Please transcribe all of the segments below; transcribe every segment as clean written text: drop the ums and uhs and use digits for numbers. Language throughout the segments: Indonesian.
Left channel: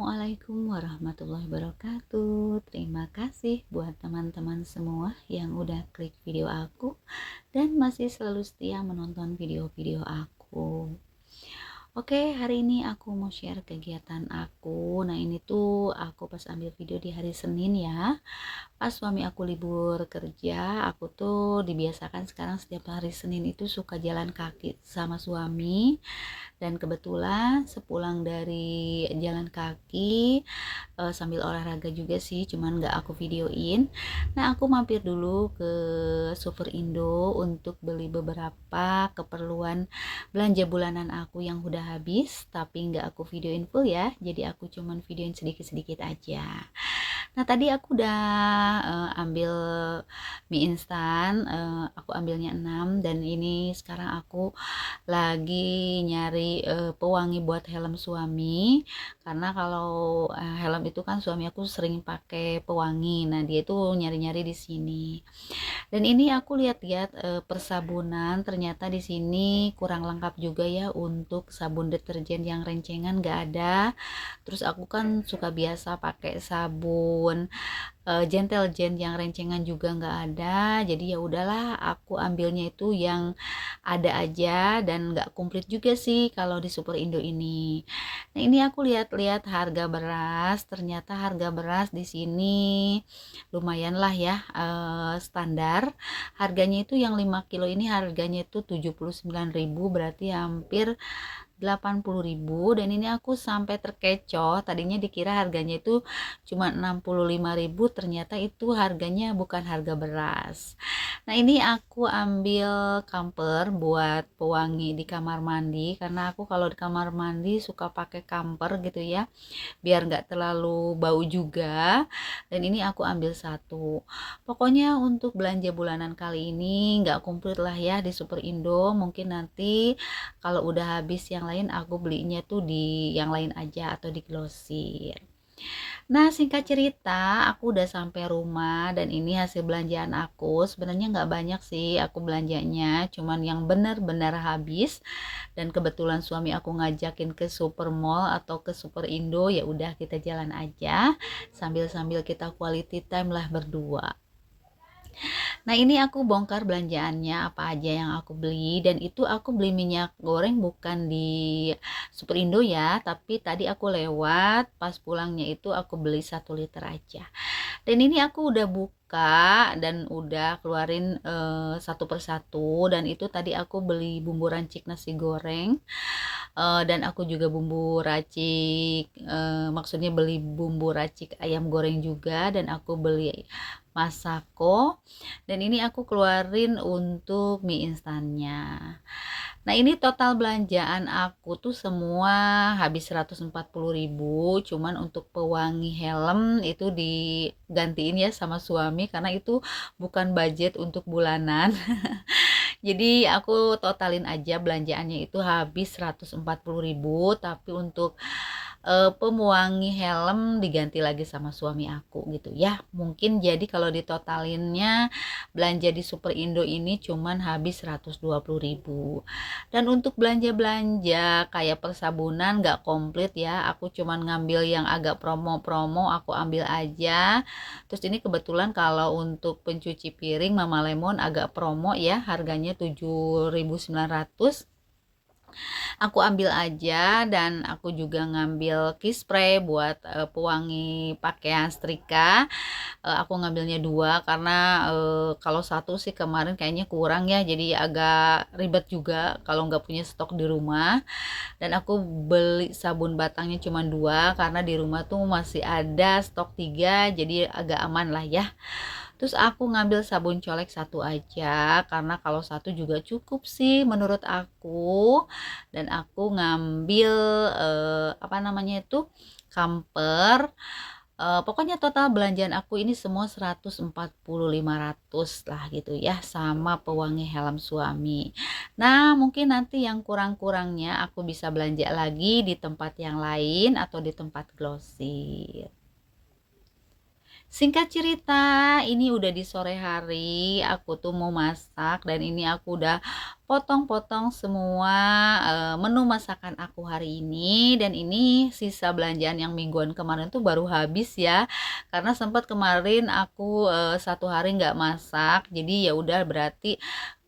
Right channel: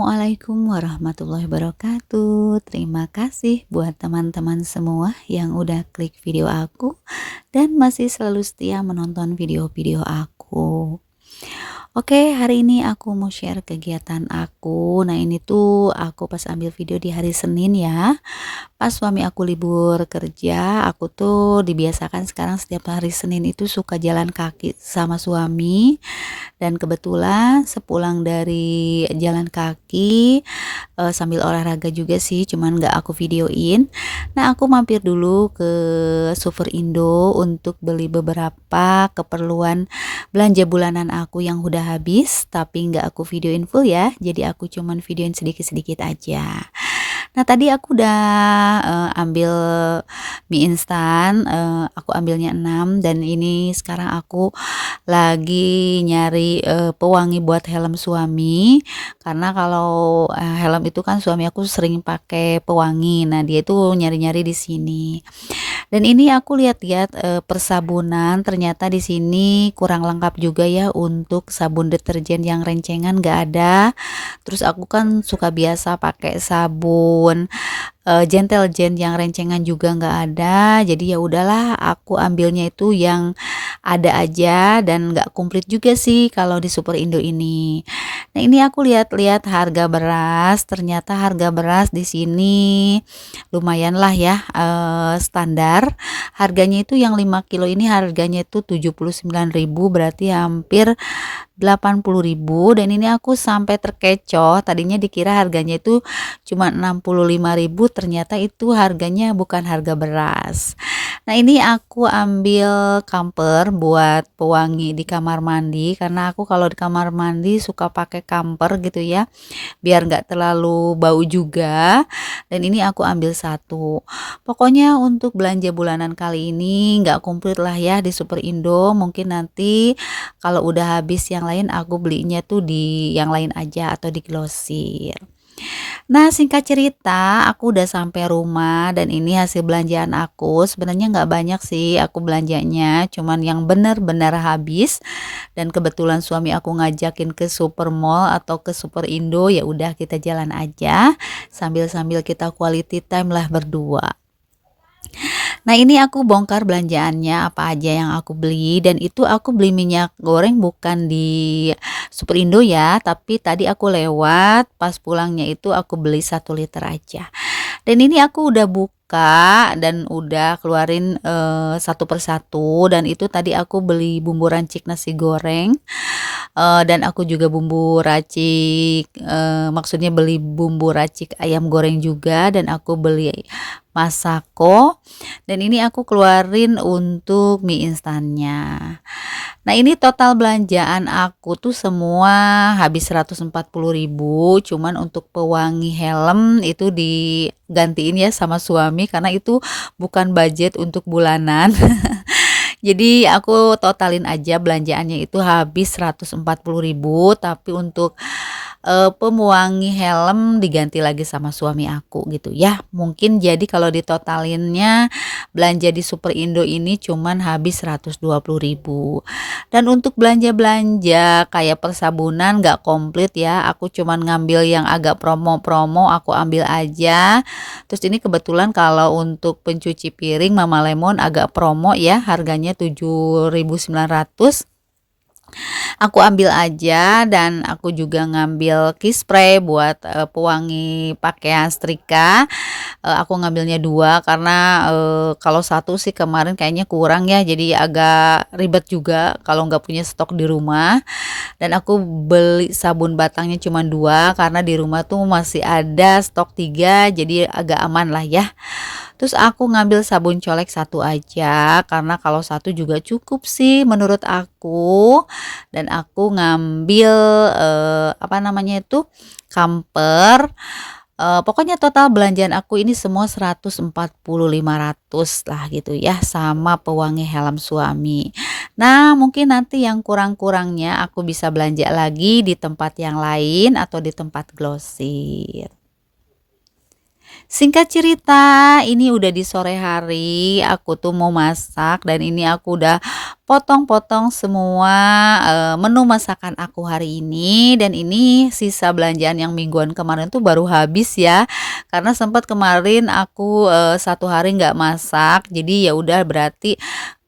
Assalamualaikum warahmatullahi wabarakatuh. Terima kasih buat teman-teman semua yang udah klik video aku dan masih selalu setia menonton video-video aku. Oke, hari ini aku mau share kegiatan aku. Nah, ini tuh aku pas ambil video di hari Senin ya. Pas suami aku libur kerja, aku tuh dibiasakan sekarang setiap hari Senin itu suka jalan kaki sama suami. Dan kebetulan sepulang dari jalan kaki, sambil olahraga juga sih, cuman nggak aku videoin. Nah, aku mampir dulu ke Super Indo untuk beli beberapa keperluan belanja bulanan aku yang udah habis, tapi nggak aku videoin full ya, jadi aku cuman videoin sedikit-sedikit aja. Nah, tadi aku udah, ambil mie instan, aku ambilnya 6 dan ini sekarang aku lagi nyari, pewangi buat helm suami, karena kalau, helm itu kan suami aku sering pakai pewangi. Nah, dia itu nyari-nyari di sini. Dan ini aku lihat-lihat, persabunan ternyata di sini kurang lengkap juga ya untuk sabun deterjen yang rencengan nggak ada. Terus aku kan suka biasa pakai sabun Gentle Gen yang rencengan juga nggak ada, jadi ya udahlah aku ambilnya itu yang ada aja dan nggak komplit juga sih kalau di Super Indo ini. Nah, ini aku lihat-lihat harga beras, ternyata harga beras di sini lumayan lah ya, standar. Harganya itu yang 5 kilo ini harganya itu 79.000, berarti hampir 80.000 dan ini aku sampai terkecoh, tadinya dikira harganya itu cuma 65.000, ternyata itu harganya bukan harga beras. Nah, ini aku ambil kamper buat pewangi di kamar mandi, karena aku kalau di kamar mandi suka pakai kamper gitu ya, biar nggak terlalu bau juga. Dan ini aku ambil satu. Pokoknya untuk belanja bulanan kali ini nggak komplit lah ya di Super Indo, mungkin nanti kalau udah habis yang lain aku belinya tuh di yang lain aja atau di Glosir. Nah, singkat cerita aku udah sampai rumah dan ini hasil belanjaan aku. Sebenarnya nggak banyak sih aku belanjanya, cuman yang benar-benar habis. Dan kebetulan suami aku ngajakin ke Supermall atau ke Super Indo, ya udah kita jalan aja sambil-sambil kita quality time lah berdua. Nah, ini aku bongkar belanjaannya apa aja yang aku beli, dan itu aku beli minyak goreng bukan di Super Indo ya, tapi tadi aku lewat pas pulangnya itu aku beli 1 liter aja. Dan ini aku udah buka dan udah keluarin satu persatu, dan itu tadi aku beli bumbu rancik nasi goreng, dan aku juga bumbu racik, maksudnya beli bumbu racik ayam goreng juga, dan aku beli Masako, dan ini aku keluarin untuk mie instannya. Nah, ini total belanjaan aku tuh semua habis 140.000, cuman untuk pewangi helm itu digantiin ya sama suami karena itu bukan budget untuk bulanan. Jadi aku totalin aja belanjaannya itu habis 140.000, tapi untuk pewangi helm diganti lagi sama suami aku gitu ya. Mungkin jadi kalau ditotalinnya belanja di Super Indo ini cuman habis 120.000. Dan untuk belanja-belanja kayak persabunan nggak komplit ya. Aku cuman ngambil yang agak promo-promo, aku ambil aja. Terus ini kebetulan kalau untuk pencuci piring Mama Lemon agak promo ya, harganya 7.900. Aku ambil aja, dan aku juga ngambil key spray buat pewangi pakaian setrika. Aku ngambilnya 2 karena kalau satu sih kemarin kayaknya kurang ya, jadi agak ribet juga kalau nggak punya stok di rumah. Dan aku beli sabun batangnya cuma 2 karena di rumah tuh masih ada stok 3, jadi agak aman lah ya. Terus aku ngambil sabun colek 1 aja karena kalau satu juga cukup sih menurut aku. Dan aku ngambil apa namanya itu, kamper. Pokoknya total belanjaan aku ini semua 140.500 lah gitu ya, sama pewangi helm suami. Nah, mungkin nanti yang kurang-kurangnya aku bisa belanja lagi di tempat yang lain atau di tempat Glosir. Singkat cerita, ini udah di sore hari, aku tuh mau masak dan ini aku udah potong-potong semua, menu masakan aku hari ini dan ini sisa belanjaan yang mingguan kemarin tuh baru habis ya. Karena sempat kemarin aku, 1 hari nggak masak, jadi ya udah berarti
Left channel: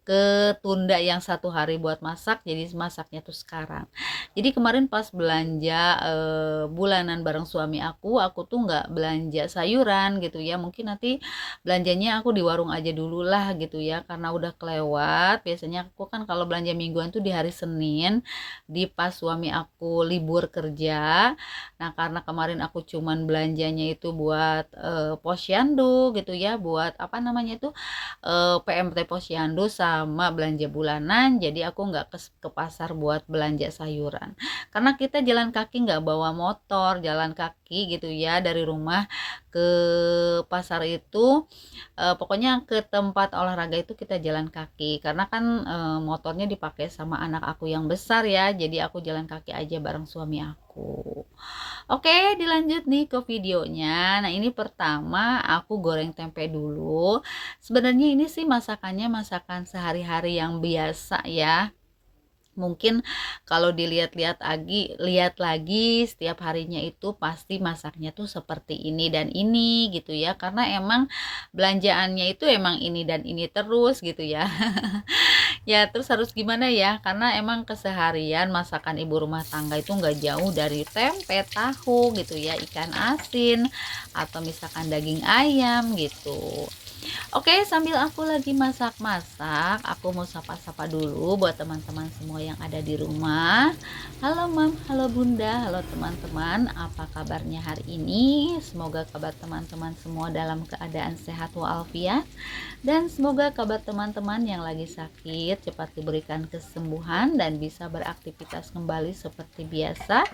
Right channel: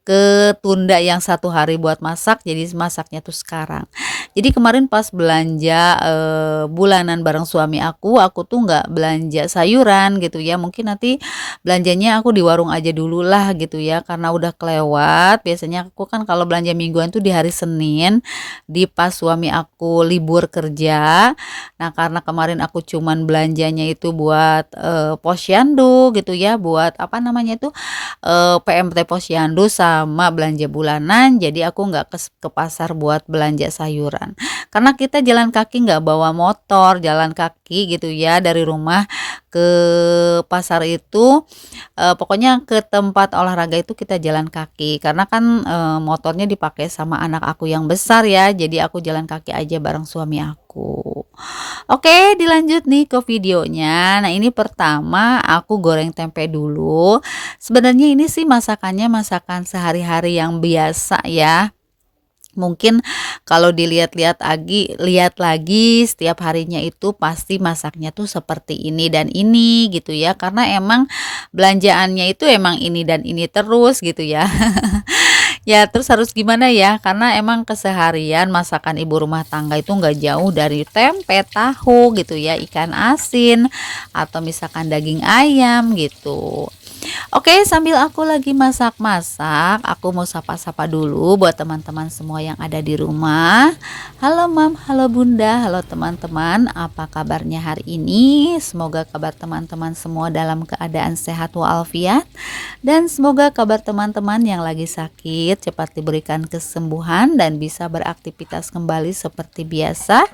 ketunda yang 1 hari buat masak, jadi masaknya tuh sekarang. Jadi kemarin pas belanja, bulanan bareng suami aku tuh nggak belanja sayuran gitu ya, mungkin nanti belanjanya aku di warung aja dulu lah gitu ya, karena udah kelewat. Biasanya aku kan kalau belanja mingguan tuh di hari Senin, di pas suami aku libur kerja. Nah, karena kemarin aku cuman belanjanya itu buat, posyandu gitu ya, buat apa namanya itu, PMT Posyandu sama belanja bulanan, jadi aku nggak ke pasar buat belanja sayuran. Karena kita jalan kaki nggak bawa motor, jalan kaki gitu ya dari rumah ke pasar itu, pokoknya ke tempat olahraga itu kita jalan kaki. Karena kan, motornya dipakai sama anak aku yang besar ya, jadi aku jalan kaki aja bareng suami aku. Oke, dilanjut nih ke videonya. Nah, ini pertama aku goreng tempe dulu. Sebenarnya ini sih masakannya masakan sehari-hari yang biasa ya. Mungkin kalau lihat lagi setiap harinya itu pasti masaknya tuh seperti ini dan ini gitu ya. Karena emang belanjaannya itu emang ini dan ini terus gitu ya. Ya, terus harus gimana ya, karena emang keseharian masakan ibu rumah tangga itu nggak jauh dari tempe, tahu gitu ya, ikan asin, atau misalkan daging ayam gitu. Oke, sambil aku lagi masak-masak, aku mau sapa-sapa dulu buat teman-teman semua yang ada di rumah. Halo Mam, halo Bunda, halo teman-teman. Apa kabarnya hari ini? Semoga kabar teman-teman semua dalam keadaan sehat walafiat. Dan semoga kabar teman-teman yang lagi sakit cepat diberikan kesembuhan dan bisa beraktivitas kembali seperti biasa.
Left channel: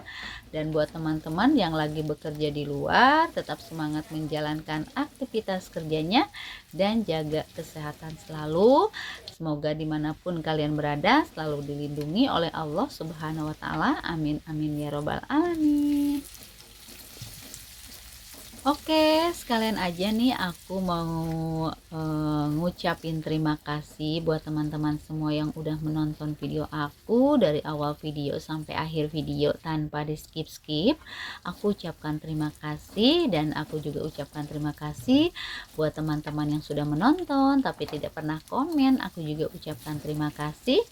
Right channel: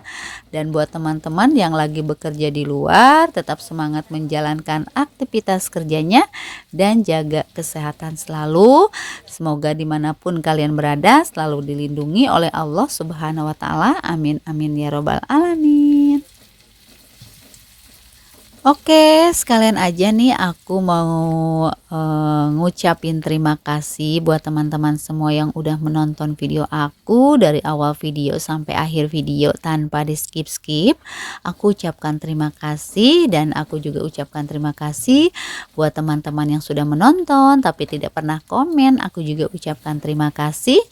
Dan buat teman-teman yang lagi bekerja di luar, tetap semangat menjalankan aktivitas kerjanya dan jaga kesehatan selalu. Semoga dimanapun kalian berada selalu dilindungi oleh Allah Subhanahu wa Ta'ala. Amin, amin ya Robbal 'Alamin. Oke, sekalian aja nih aku mau ngucapin terima kasih buat teman-teman semua yang udah menonton video aku dari awal video sampai akhir video tanpa di skip-skip. Aku ucapkan terima kasih dan aku juga ucapkan terima kasih buat teman-teman yang sudah menonton tapi tidak pernah komen. Aku juga ucapkan terima kasih.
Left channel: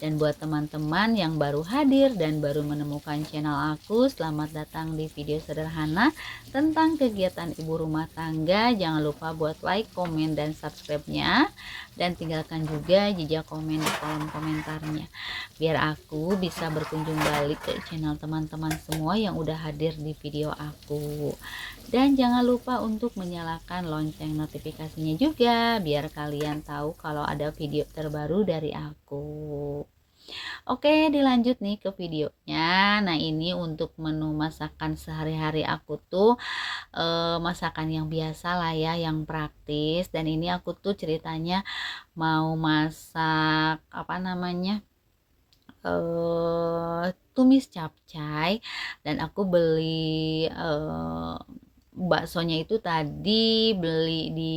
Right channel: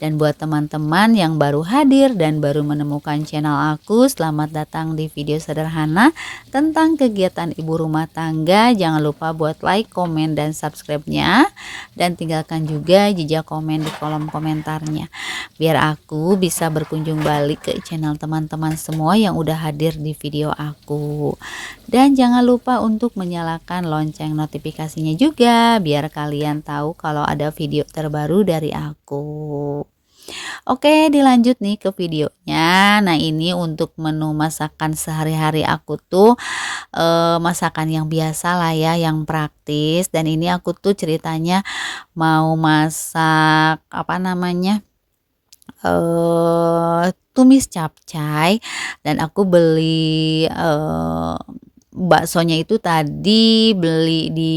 Dan buat teman-teman yang baru hadir dan baru menemukan channel aku, selamat datang di video sederhana tentang kegiatan ibu rumah tangga. Jangan lupa buat like, komen, dan subscribe-nya, dan tinggalkan juga jejak komen di kolom komentarnya biar aku bisa berkunjung balik ke channel teman-teman semua yang udah hadir di video aku. Dan jangan lupa untuk menyalakan lonceng notifikasinya juga biar kalian tahu kalau ada video terbaru dari aku. Oke, dilanjut nih ke videonya. Nah, ini untuk menu masakan sehari-hari aku tuh, masakan yang biasa lah ya, yang praktis. Dan ini aku tuh ceritanya mau masak, apa namanya, tumis capcay. Dan aku beli, baksonya itu tadi beli di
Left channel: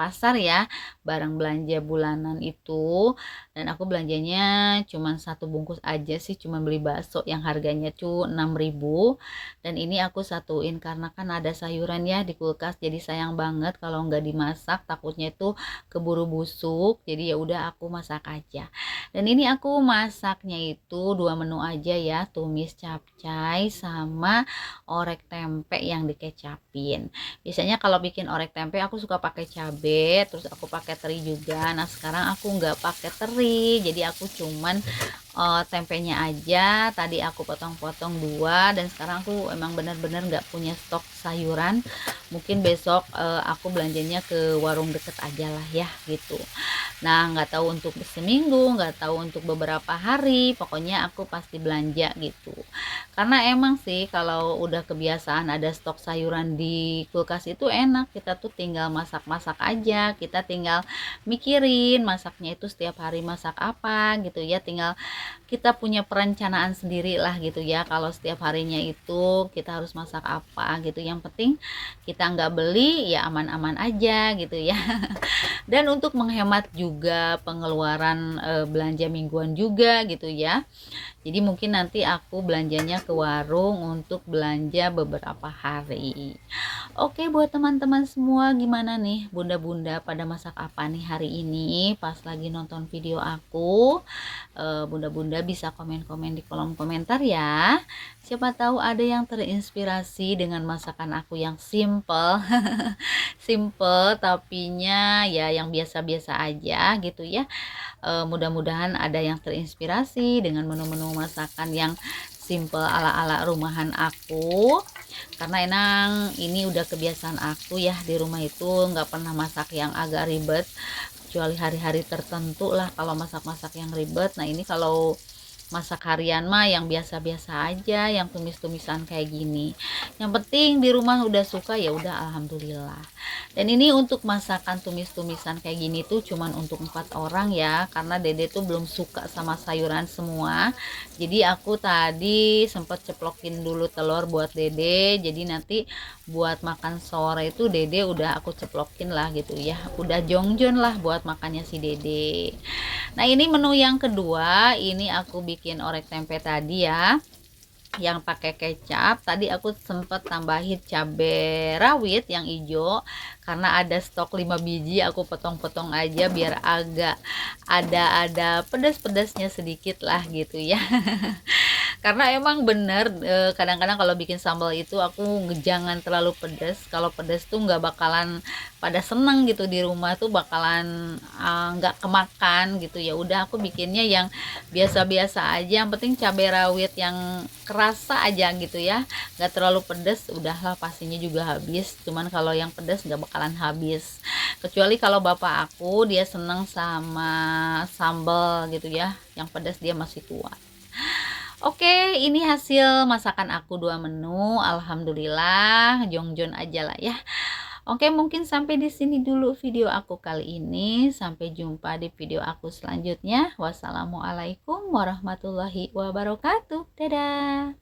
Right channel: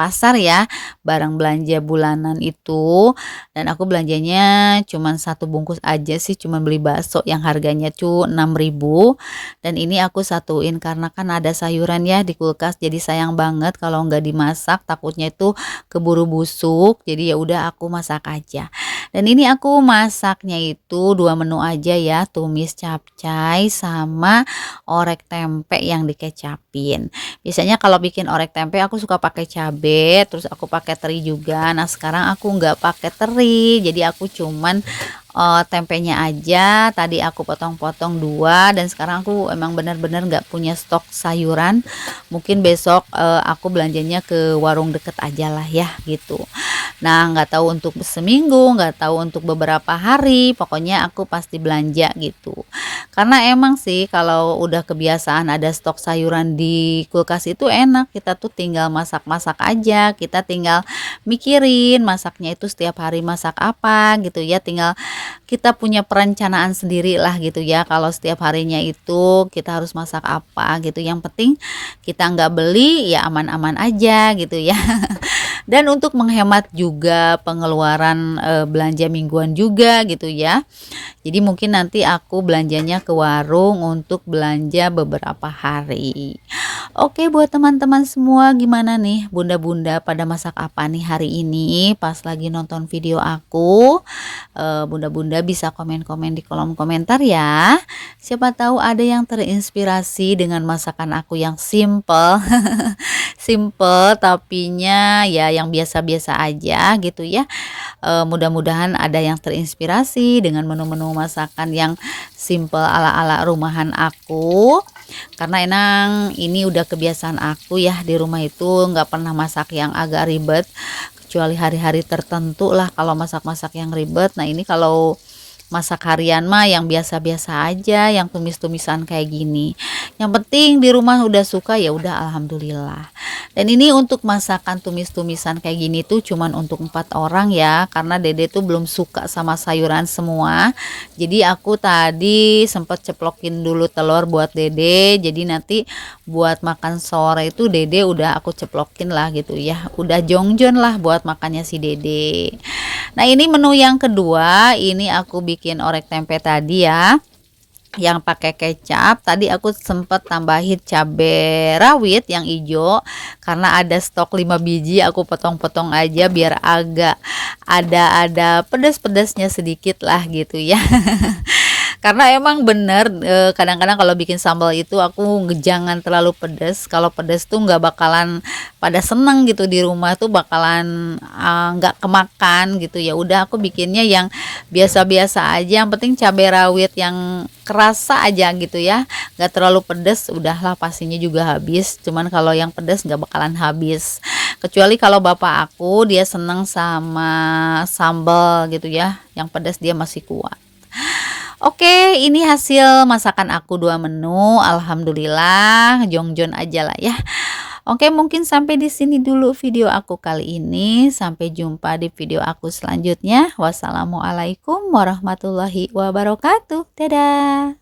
pasar ya, barang belanja bulanan itu. Dan aku belanjanya cuman 1 bungkus aja sih, cuman beli bakso yang harganya tuh 6.000. Dan ini aku satuin karena kan ada sayuran ya di kulkas, jadi sayang banget kalau nggak dimasak, takutnya itu keburu busuk. Jadi ya udah aku masak aja. Dan ini aku masaknya itu 2 menu aja ya, tumis capcay sama orek tempe yang dikecapin. Biasanya kalau bikin orek tempe aku suka pakai cabe, terus aku pakai teri juga. Nah, sekarang aku nggak pakai teri, jadi aku cuman tempenya aja. Tadi aku potong-potong 2 dan sekarang aku emang bener-bener nggak punya stok sayuran. Mungkin besok aku belanjanya ke warung deket aja lah ya gitu. Nah, nggak tahu untuk seminggu, nggak tahu untuk beberapa hari, pokoknya aku pasti belanja gitu. Karena emang sih kalau udah kebiasaan ada stok sayuran di kulkas itu enak, kita tuh tinggal masak-masak aja, kita tinggal mikirin masaknya itu setiap hari masak apa gitu ya, tinggal kita punya perencanaan sendiri lah gitu ya, kalau setiap harinya itu kita harus masak apa gitu. Yang penting kita nggak beli ya, aman-aman aja gitu ya. Dan untuk menghemat juga pengeluaran belanja mingguan juga gitu ya. Jadi mungkin nanti aku belanjanya ke warung untuk belanja beberapa hari. Oke, buat teman-teman semua, gimana nih bunda-bunda pada masak apa nih hari ini pas lagi nonton video aku? Bunda-bunda bisa komen-komen di kolom komentar ya. Siapa tahu ada yang terinspirasi dengan masakan aku yang simple. Simple tapinya ya yang biasa-biasa aja gitu ya. Mudah-mudahan ada yang terinspirasi dengan menu-menu masakan yang simple ala-ala rumahan aku, karena emang ini udah kebiasaan aku ya, di rumah itu nggak pernah masak yang agak ribet, kecuali hari-hari tertentu lah kalau masak-masak yang ribet. Nah ini kalau masak harian mah yang biasa-biasa aja, yang tumis-tumisan kayak gini. Yang penting di rumah udah suka ya udah, alhamdulillah. Dan ini untuk masakan tumis-tumisan kayak gini tuh cuman untuk 4 orang ya, karena dede tuh belum suka sama sayuran semua. Jadi aku tadi sempat ceplokin dulu telur buat dede, jadi nanti buat makan sore itu dede udah aku ceplokin lah gitu ya, udah jongjon lah buat makannya si dede. Nah ini menu yang kedua, ini aku bikin orek tempe tadi ya, yang pakai kecap. Tadi aku sempet tambahin cabai rawit yang hijau karena ada stok 5 biji, aku potong-potong aja biar agak ada pedas-pedasnya sedikit lah gitu ya. Karena emang bener kadang-kadang kalau bikin sambal itu aku jangan terlalu pedas. Kalau pedas tuh nggak bakalan pada seneng gitu, di rumah tuh bakalan nggak kemakan gitu. Ya udah aku bikinnya yang biasa-biasa aja, yang penting cabai rawit yang kerasa aja gitu ya, nggak terlalu pedas, udahlah pastinya juga habis. Cuman kalau yang pedas nggak bakalan habis, kecuali kalau bapak aku dia seneng sama sambal gitu ya, yang pedas dia masih kuat. Oke, ini hasil masakan aku 2 menu. Alhamdulillah, jongjon aja lah ya. Oke, mungkin sampai di sini dulu video aku kali ini. Sampai jumpa di video aku selanjutnya. Wassalamualaikum warahmatullahi wabarakatuh. Dadah.